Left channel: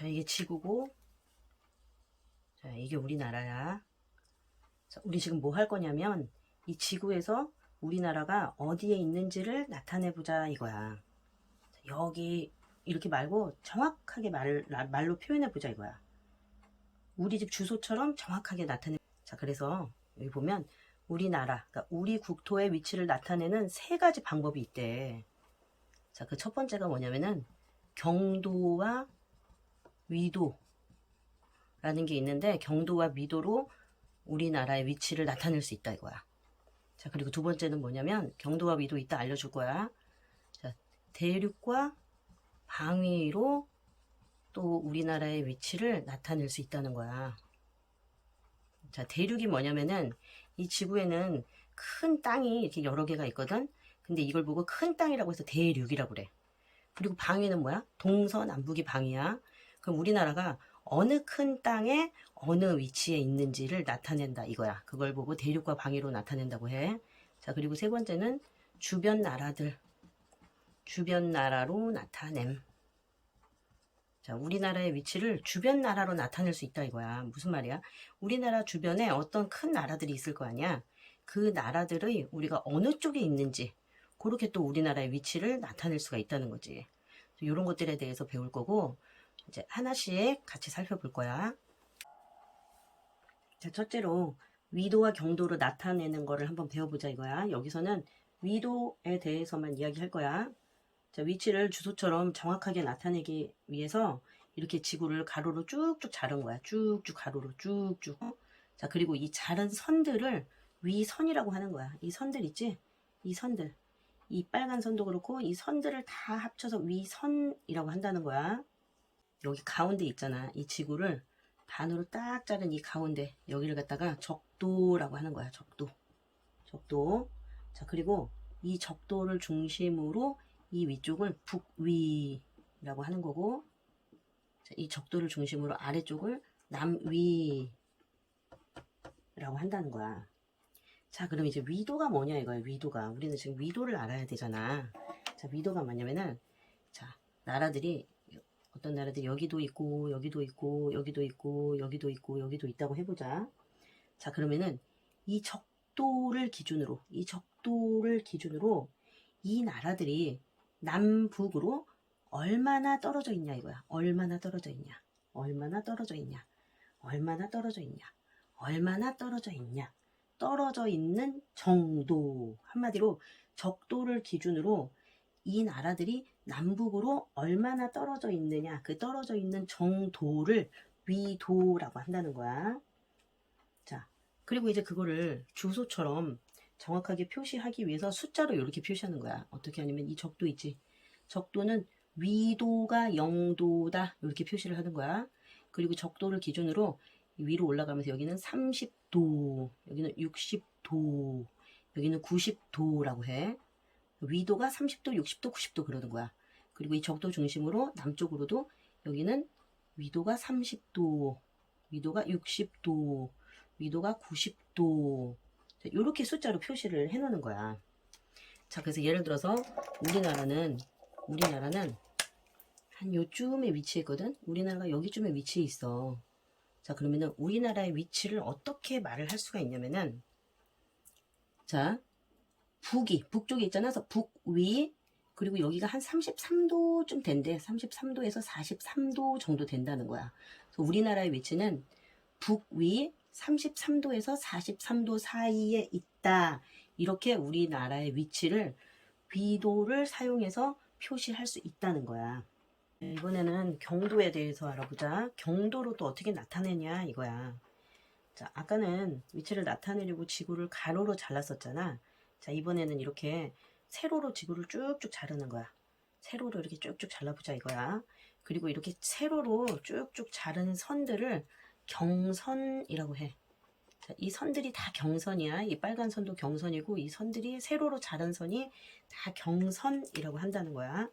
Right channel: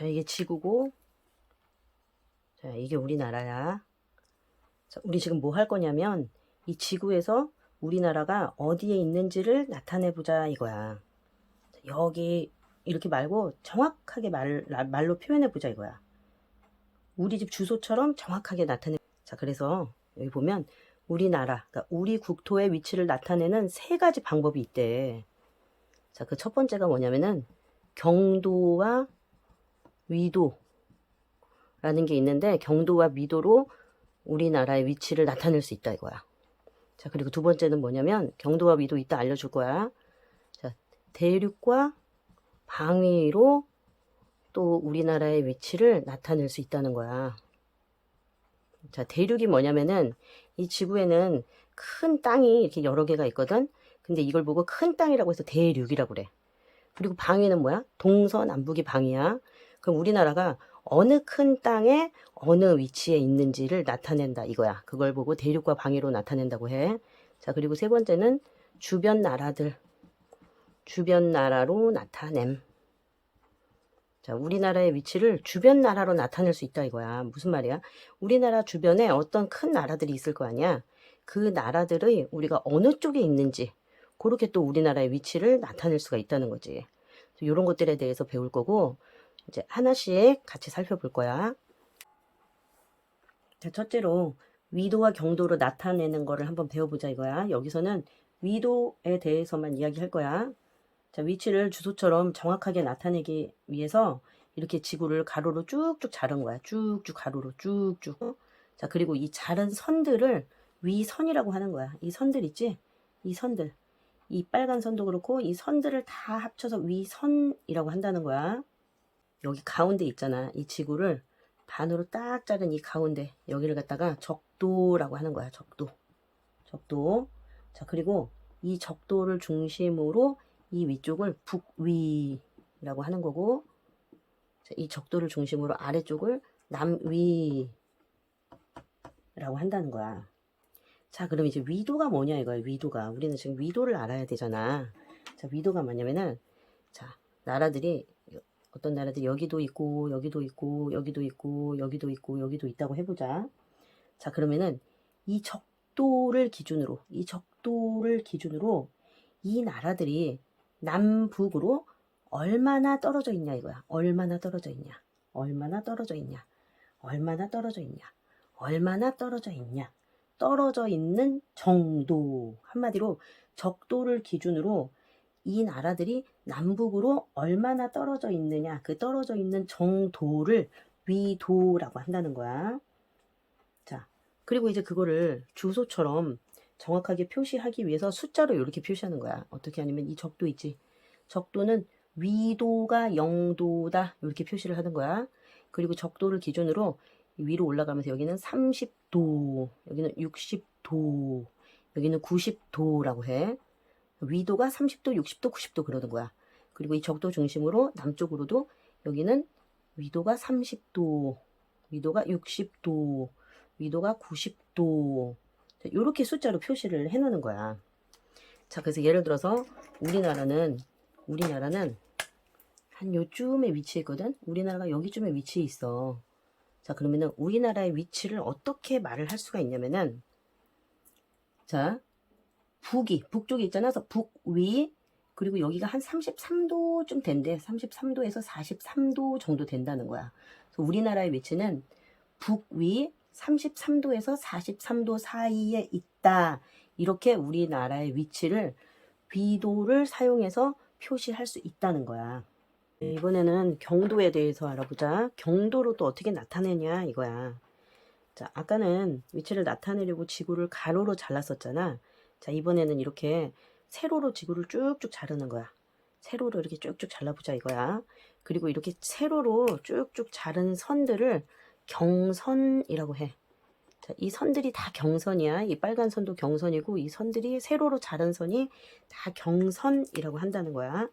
자, 이게 지구고, 자, 이게 우리나라야. 자, 우리 지금 뭐 할 거냐면, 이 지구에서 우리나라가 어디에 있는지를 나타내 보자, 이거야. 자, 여기, 이렇게 말고 정확하게 말, 말로 표현해 보자, 이거야. 우리 집 주소처럼 정확하게 나타내. 자, 그래서 여기 보면, 우리나라, 그러니까 우리 국토의 위치를 나타내는 세 가지 방법이 있대. 자, 그 첫 번째가 뭐냐면은, 경도와 위도라는 게 있는데 경도와 위도로 우리나라의 위치를 나타낼 수 있다 이거야. 자 그리고 두 번째는 뭐냐면 경도와 위도 이따 알려줄 거야. 자 대륙과 방위로 또 우리나라의 위치를 나타낼 수 있다는 거야. 자 대륙이 뭐냐면은 이 지구에는 큰 땅이 이렇게 여러 개가 있거든. 근데 이걸 보고 큰 땅이라고 해서 대륙이라고 그래. 그리고 방위는 뭐야? 동서남북이 방위야. 그럼 우리나라가 어느 큰 땅에 어느 위치에 있는지를 나타낸다 이거야. 그걸 보고 대륙과 방위로 나타낸다고 해. 자, 그리고 세 번째는 주변 나라들. 주변 나라로 나타냄. 자, 우리나라의 위치를 주변 나라로 나타낼 수 있다 이거야. 무슨 말이야? 우리나라 주변에 어떤 큰 나라들이 있을 거 아니야? 그 나라들의 우리가 어느 쪽에 있는지 그렇게 또 우리나라의 위치를 나타낼 수가 있다는 거지. 이런 것들에 대해서 배울 거고 이제 하나씩 같이 살펴볼 거야. 자, 첫째로 위도와 경도로 나타내는 거를 한번 배워보자 이거야. 여기서는 위도에 대해서만 이야기할 거야. 자, 위치를 주소처럼 정확하게 나타내기 위해서 이렇게 지구를 가로로 쭉쭉 자른 거야. 쭉쭉 가로로 쭉쭉. 자, 그리고 이 자른 선들을 위선이라고 하는 거야. 이 선들 있지? 이 선들. 이 빨간 선도 그렇고 이 선들을 다 합쳐서 위선이라고 한다는 거야. 여기 가운데 있잖아. 이 지구를 반으로 딱 자른 이 가운데 여기를 갖다가 적도라고 하는 거야. 적도. 적도. 자, 그리고 이 적도를 중심으로 이 위쪽을 북위라고 하는 거고 자, 이 적도를 중심으로 아래쪽을 남위라고 한다는 거야. 자, 그럼 이제 위도가 뭐냐 이거예요. 위도가. 우리는 지금 위도를 알아야 되잖아. 자, 위도가 뭐냐면은 자, 나라들이 어떤 나라들이 여기도 있고 여기도 있고 여기도 있고 여기도 있고 여기도 있다고 해보자. 자, 그러면은 이 적도를 기준으로 이 적도를 기준으로 이 나라들이 남북으로 얼마나 떨어져 있냐 이거야. 얼마나 떨어져 있냐. 얼마나 떨어져 있냐. 얼마나 떨어져 있냐. 얼마나 떨어져 있냐. 떨어져 있는 정도. 한마디로 적도를 기준으로 이 나라들이 남북으로 얼마나 떨어져 있느냐. 그 떨어져 있는 정도를 위도라고 한다는 거야. 자, 그리고 이제 그거를 주소처럼 정확하게 표시하기 위해서 숫자로 이렇게 표시하는 거야. 어떻게 하냐면 이 적도 있지. 적도는 위도가 0도다. 이렇게 표시를 하는 거야. 그리고 적도를 기준으로 위로 올라가면서 여기는 30도, 여기는 60도, 여기는 90도라고 해. 위도가 30도, 60도, 90도 그러는 거야. 그리고 이 적도 중심으로 남쪽으로도 여기는 위도가 30도, 위도가 60도, 위도가 90도. 이렇게 숫자로 표시를 해 놓는 거야. 자, 그래서 예를 들어서 우리나라는, 우리나라는 한 요쯤에 위치해 있거든? 우리나라가 여기쯤에 위치해 있어. 자, 그러면은 우리나라의 위치를 어떻게 말을 할 수가 있냐면은 자, 북이 북쪽에 있잖아. 그래서 북위 그리고 여기가 한 33도쯤 된대. 33도에서 43도 정도 된다는 거야. 그래서 우리나라의 위치는 북위 33도에서 43도 사이에 있다. 이렇게 우리나라의 위치를 위도를 사용해서 표시할 수 있다는 거야. 이번에는 경도에 대해서 알아보자. 경도로 또 어떻게 나타내냐 이거야. 자, 아까는 위치를 나타내려고 지구를 가로로 잘랐었잖아. 자, 이번에는 이렇게 세로로 지구를 쭉쭉 자르는 거야. 세로로 이렇게 쭉쭉 잘라보자 이거야. 그리고 이렇게 세로로 쭉쭉 자른 선들을 경선이라고 해. 자, 이 선들이 다 경선이야. 이 빨간 선도 경선이고 이 선들이 세로로 자른 선이 다 경선이라고 한다는 거야.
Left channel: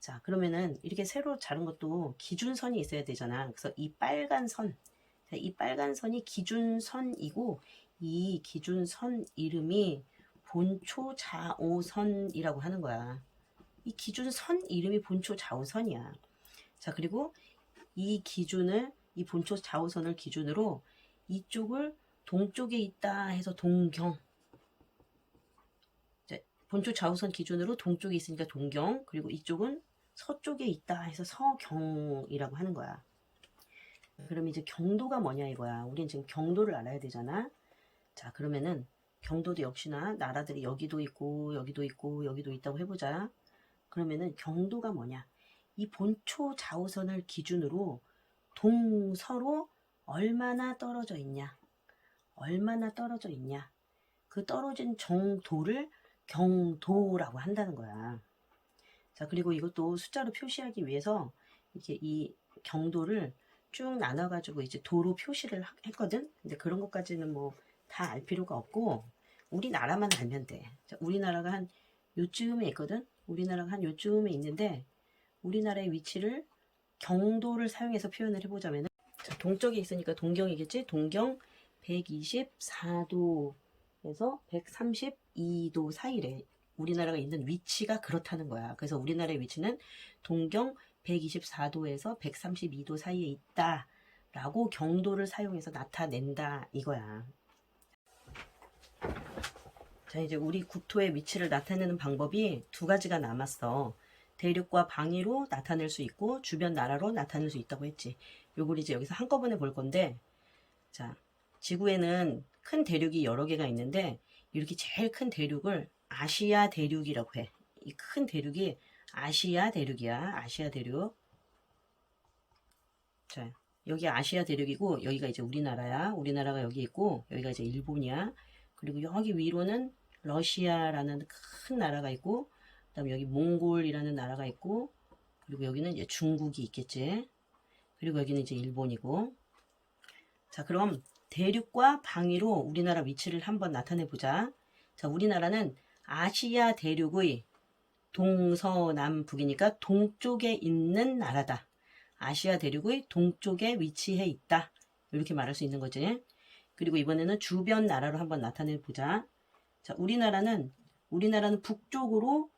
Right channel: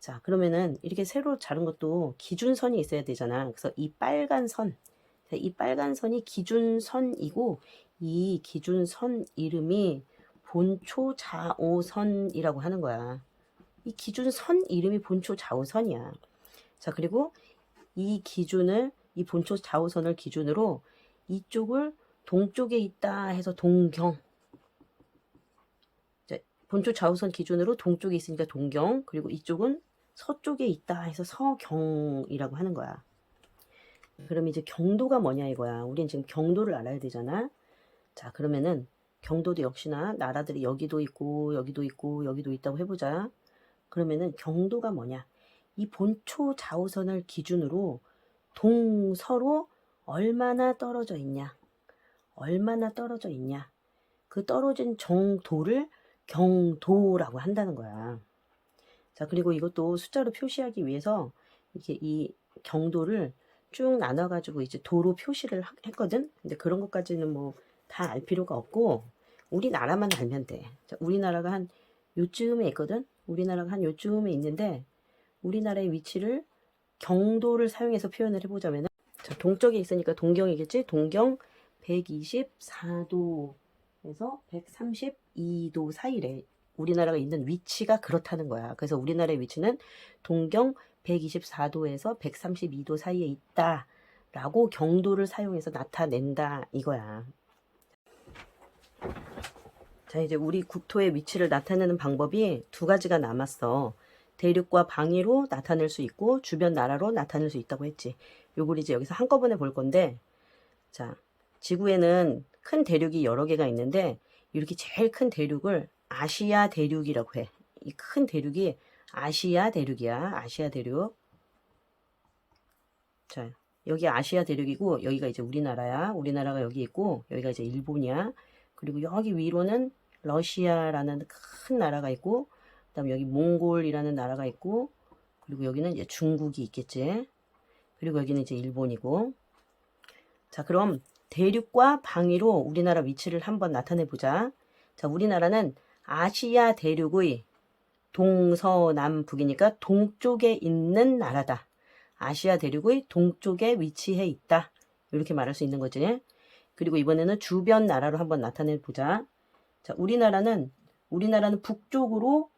자, 그러면은 이렇게 세로 자른 것도 기준선이 있어야 되잖아. 그래서 이 빨간 선, 이 빨간 선이 기준선이고 이 기준선 이름이 본초 좌오선이라고 하는 거야. 이 기준선 이름이 본초 좌오선이야. 자, 그리고 이 기준을 이 본초 좌우선을 기준으로 이쪽을 동쪽에 있다 해서 동경 이제 본초 좌우선 기준으로 동쪽에 있으니까 동경 그리고 이쪽은 서쪽에 있다 해서 서경이라고 하는 거야. 그럼 이제 경도가 뭐냐 이거야. 우린 지금 경도를 알아야 되잖아. 자 그러면은 경도도 역시나 나라들이 여기도 있고 여기도 있고 여기도 있다고 해보자. 그러면은 경도가 뭐냐? 이 본초 좌우선을 기준으로 동서로 얼마나 떨어져 있냐? 얼마나 떨어져 있냐? 그 떨어진 정도를 경도라고 한다는 거야. 자, 그리고 이것도 숫자로 표시하기 위해서 이렇게 이 경도를 쭉 나눠가지고 이제 도로 표시를 하- 했거든? 근데 그런 것까지는 뭐 다 알 필요가 없고, 우리나라만 알면 돼. 자, 우리나라가 한 요쯤에 있거든? 우리나라가 한 요쯤에 있는데, 우리나라의 위치를 경도를 사용해서 표현을 해보자면, 자, 동쪽에 있으니까 동경이겠지? 동경 124도에서 132도 사이래. 우리나라가 있는 위치가 그렇다는 거야. 그래서 우리나라의 위치는 동경 124도에서 132도 사이에 있다. 라고 경도를 사용해서 나타낸다. 이거야. 자, 이제 우리 국토의 위치를 나타내는 방법이 두 가지가 남았어. 대륙과 방위로 나타낼 수 있고, 주변 나라로 나타낼 수 있다고 했지. 요걸 이제 여기서 한꺼번에 볼 건데, 자, 지구에는 큰 대륙이 여러 개가 있는데, 이렇게 제일 큰 대륙을 아시아 대륙이라고 해. 이 큰 대륙이 아시아 대륙이야. 아시아 대륙. 자, 여기 아시아 대륙이고, 여기가 이제 우리나라야. 우리나라가 여기 있고, 여기가 이제 일본이야. 그리고 여기 위로는 러시아라는 큰 나라가 있고, 그 다음에 여기 몽골이라는 나라가 있고, 그리고 여기는 이제 중국이 있겠지. 그리고 여기는 이제 일본이고. 자, 그럼 대륙과 방위로 우리나라 위치를 한번 나타내 보자. 자, 우리나라는 아시아 대륙의 동서남북이니까 동쪽에 있는 나라다. 아시아 대륙의 동쪽에 위치해 있다. 이렇게 말할 수 있는 거지. 그리고 이번에는 주변 나라로 한번 나타내 보자. 자, 우리나라는 우리나라는 북쪽으로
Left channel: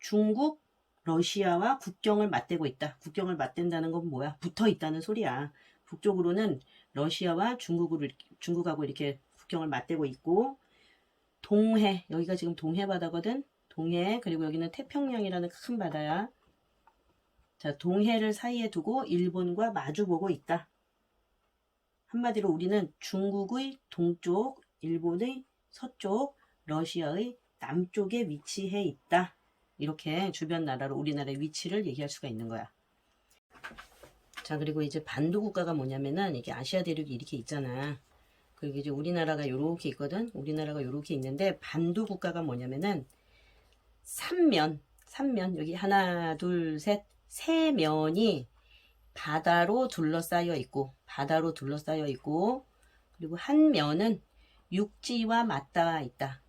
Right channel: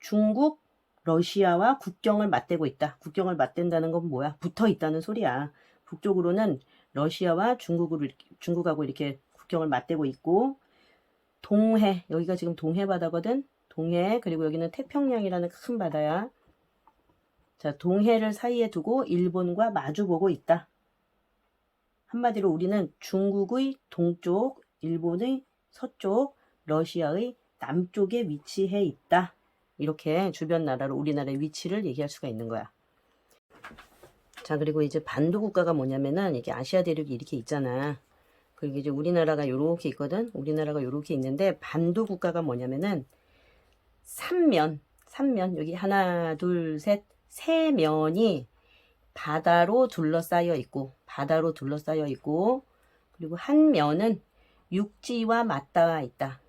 중국, 러시아와 국경을 맞대고 있다. 국경을 맞댄다는 건 뭐야? 붙어 있다는 소리야. 북쪽으로는 러시아와 중국으로 중국하고 이렇게 국경을 맞대고 있고 동해 여기가 지금 동해 바다거든. 동해 그리고 여기는 태평양이라는 큰 바다야. 자, 동해를 사이에 두고 일본과 마주보고 있다. 한마디로 우리는 중국의 동쪽, 일본의 서쪽, 러시아의 남쪽에 위치해 있다. 이렇게 주변 나라로 우리나라의 위치를 얘기할 수가 있는 거야. 자, 그리고 이제 반도 국가가 뭐냐면은 이게 아시아 대륙이 이렇게 있잖아. 그리고 이제 우리나라가 요렇게 있거든. 우리나라가 요렇게 있는데 반도 국가가 뭐냐면은 삼면, 삼면 여기 하나, 둘, 셋, 세 면이 바다로 둘러싸여 있고 바다로 둘러싸여 있고 그리고 한 면은 육지와 맞닿아 있다.